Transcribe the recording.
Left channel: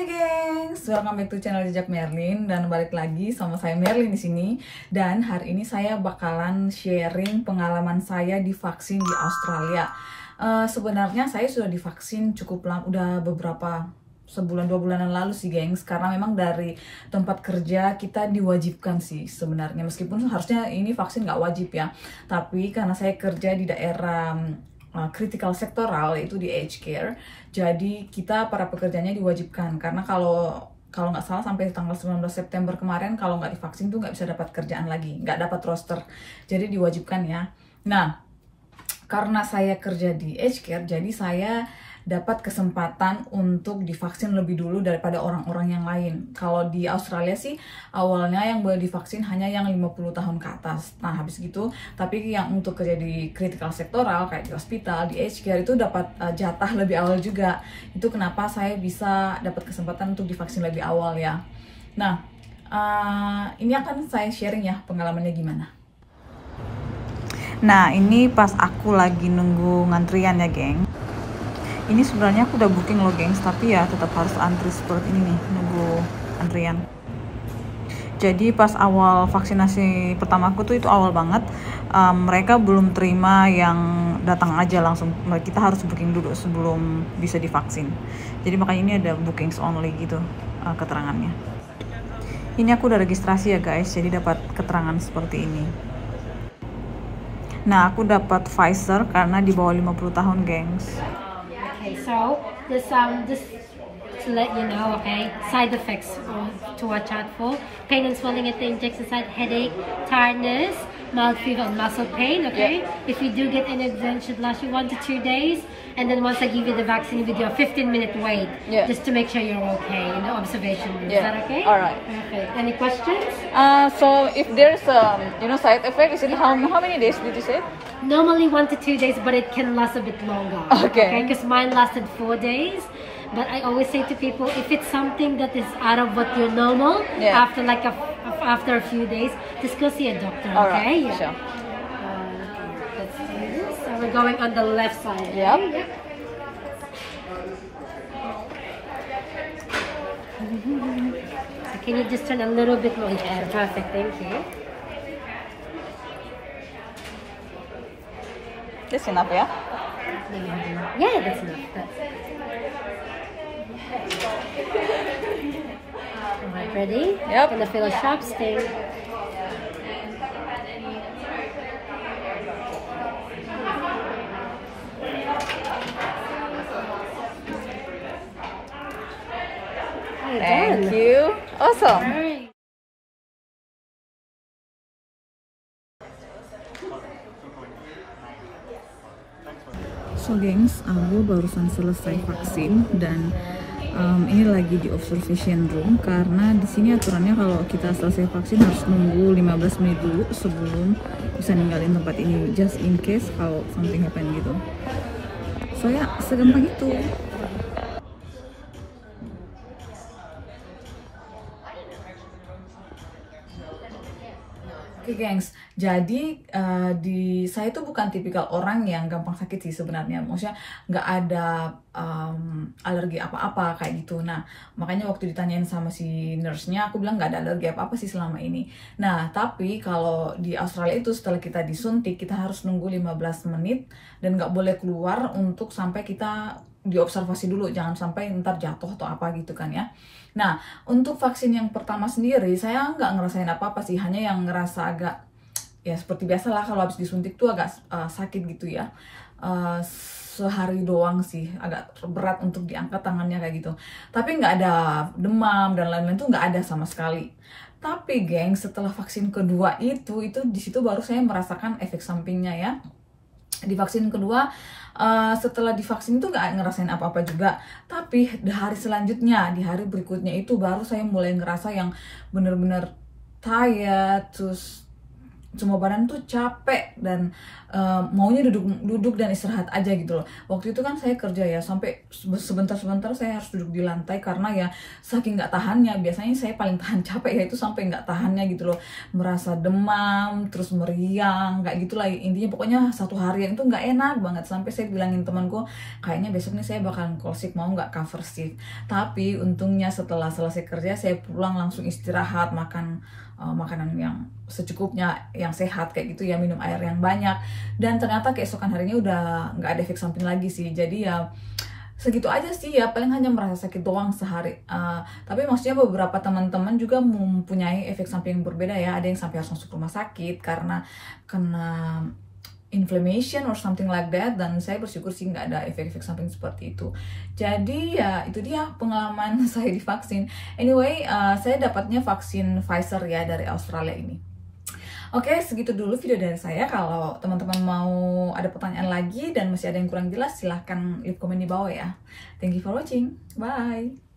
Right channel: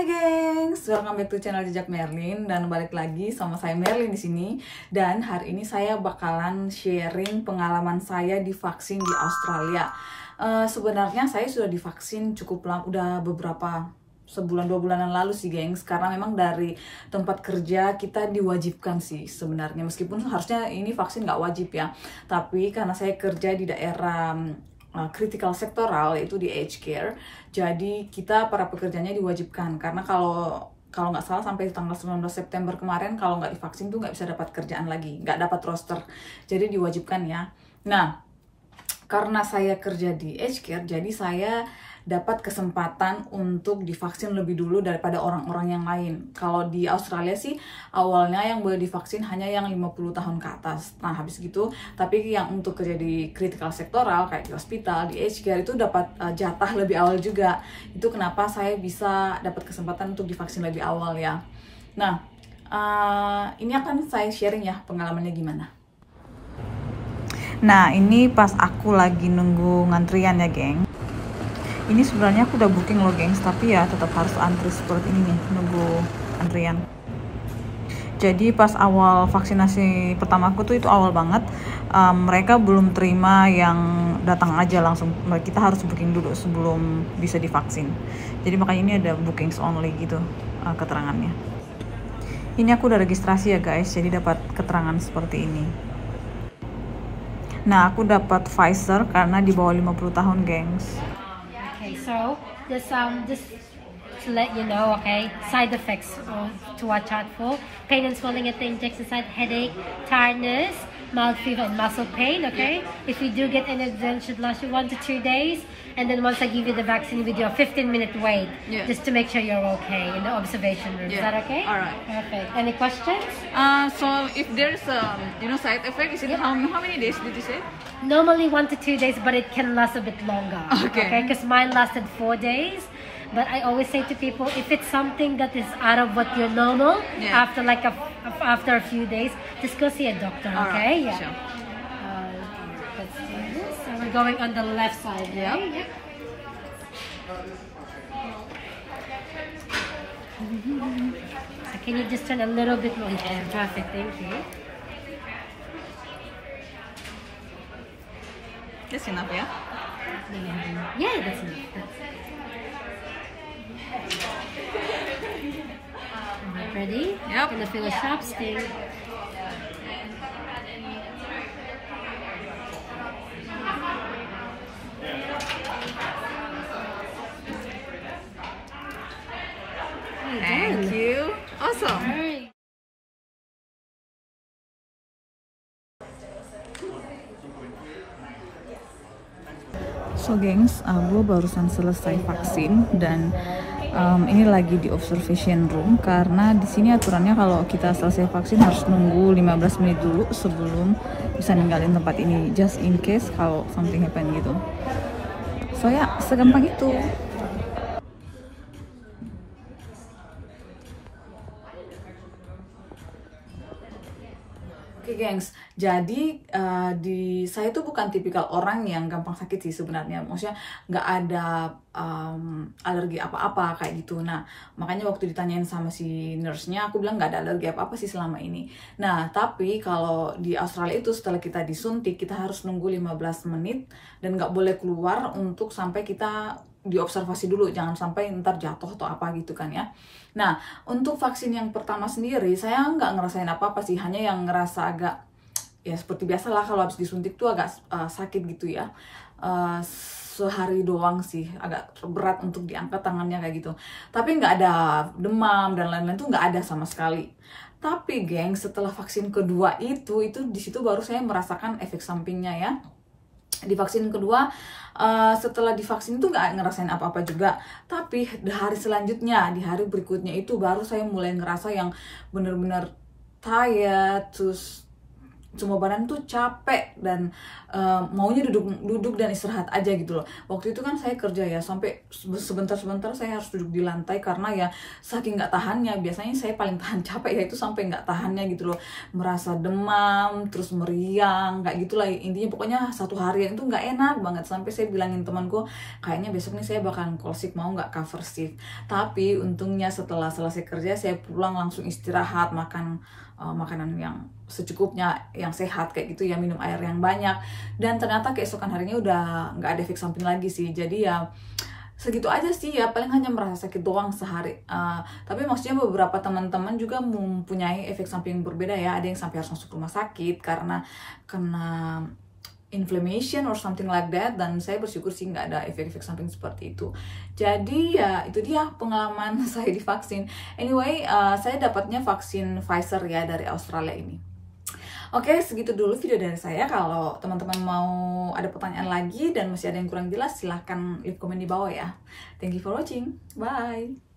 Hai gengs, welcome back to channel Jejak Merlin dan balik lagi sama saya Merlin di sini. Dan hari ini saya bakalan sharing pengalaman saya divaksin di Australia. Sebenarnya saya sudah divaksin cukup lama, udah beberapa sebulan 2 bulanan lalu sih gengs. Karena memang dari tempat kerja kita diwajibkan sih sebenarnya, meskipun harusnya ini vaksin nggak wajib ya. Tapi karena saya kerja di daerah critical sektoral, itu di aged care, jadi kita para pekerjanya diwajibkan. Karena kalau nggak salah sampai tanggal 19 September kemarin kalau nggak divaksin tuh nggak bisa dapat kerjaan lagi, nggak dapat roster, jadi diwajibkan ya. Nah, karena saya kerja di aged care, jadi saya dapat kesempatan untuk divaksin lebih dulu daripada orang-orang yang lain. Kalau di Australia sih awalnya yang boleh divaksin hanya yang 50 tahun ke atas. Nah habis gitu, tapi yang untuk kerja di critical sektoral kayak di hospital, di aged care itu dapat jatah lebih awal juga. Itu kenapa saya bisa dapat kesempatan untuk divaksin lebih awal ya. Nah, ini akan saya sharing ya pengalamannya gimana. Nah, ini pas aku lagi nunggu ngantrian ya, geng. Ini sebenarnya aku udah booking loh, gengs, tapi ya tetap harus antri seperti ini nih, nunggu antrian. Jadi pas awal vaksinasi pertama aku tuh itu awal banget, mereka belum terima yang datang aja langsung. Kita harus booking dulu sebelum bisa divaksin. Jadi makanya ini ada bookings only gitu keterangannya. Ini aku udah registrasi ya guys, jadi dapat keterangan seperti ini. Nah, aku dapat Pfizer karena di bawah 50 tahun, gengs. Okay, so this just to let you know, okay, side effects to watch out for: pain and swelling at the injection site, headache, tiredness, mild fever, and muscle pain. Okay, if you do get any, it should last you 1 to 2 days, and then once I give you the vaccine, we do a 15-minute wait, just to make sure you're okay in the observation room. Is that okay? All right. Perfect. Any questions? So if there's side effect, is it how many days did you say? Normally 1 to 2 days, but it can last a bit longer. Okay, because mine lasted 4 days. But I always say to people, if it's something that is out of what you're normal, after after a few days, just go see a doctor. All okay? Right. Sure. Let's do this. So we're going on the left side. Yep. Right? So can you just turn a little bit more? Perfect. Thank you. That's enough, ya? Yeah, that's enough. Alright, ready? Yep. Gonna feel a sharp sting. Thank you. Awesome. Alright. So gengs, gue barusan selesai vaksin dan ini lagi di observation room karena di sini aturannya kalau kita selesai vaksin harus nunggu 15 menit dulu sebelum bisa ninggalin tempat ini, just in case kalau something happen gitu. So ya, segampang itu. Oke gengs, jadi saya tuh bukan tipikal orang yang gampang sakit sih sebenarnya. Maksudnya nggak ada alergi apa-apa kayak gitu. Nah, makanya waktu ditanyain sama si nurse-nya, aku bilang nggak ada alergi apa-apa sih selama ini. Nah, tapi kalau di Australia itu setelah kita disuntik, kita harus nunggu 15 menit dan nggak boleh keluar untuk sampai kita diobservasi dulu. Jangan sampai ntar jatuh atau apa gitu kan ya. Nah, untuk vaksin yang pertama sendiri, saya nggak ngerasain apa-apa sih, hanya yang ngerasa agak, ya seperti biasa lah kalau habis disuntik tuh agak sakit gitu ya. Sehari doang sih, agak berat untuk diangkat tangannya kayak gitu. Tapi nggak ada demam dan lain-lain tuh nggak ada sama sekali. Tapi geng, setelah vaksin kedua itu di situ baru saya merasakan efek sampingnya ya. Di vaksin kedua, setelah divaksin itu nggak ngerasain apa-apa juga, tapi di hari selanjutnya, di hari berikutnya itu baru saya mulai ngerasa yang bener-bener tired, terus semua badan tuh capek dan maunya duduk dan istirahat aja gitu loh. Waktu itu kan saya kerja ya, sampai sebentar-sebentar saya harus duduk di lantai karena ya saking nggak tahannya. Biasanya saya paling tahan capek ya itu sampai nggak tahannya gitu loh, merasa demam, terus meriang, kayak gitulah intinya. Pokoknya satu harian itu nggak enak banget, sampai saya bilangin temanku kayaknya besok nih saya bakalan call sick, mau nggak cover shift. Tapi untungnya setelah selesai kerja saya pulang langsung istirahat, makan makanan yang secukupnya, yang sehat kayak gitu ya, minum air yang banyak, dan ternyata keesokan harinya udah nggak ada efek samping lagi sih. Jadi ya segitu aja sih ya, paling hanya merasa sakit doang sehari. Tapi maksudnya beberapa teman-teman juga mempunyai efek samping yang berbeda ya, ada yang sampai harus masuk rumah sakit karena kena inflammation or something like that, dan saya bersyukur sih nggak ada efek-efek samping seperti itu. Jadi ya itu dia pengalaman saya divaksin. Anyway, saya dapatnya vaksin Pfizer ya dari Australia ini. Oke, segitu dulu video dari saya. Kalau teman-teman mau ada pertanyaan lagi dan masih ada yang kurang jelas, silahkan leave komen di bawah ya. Thank you for watching. Bye.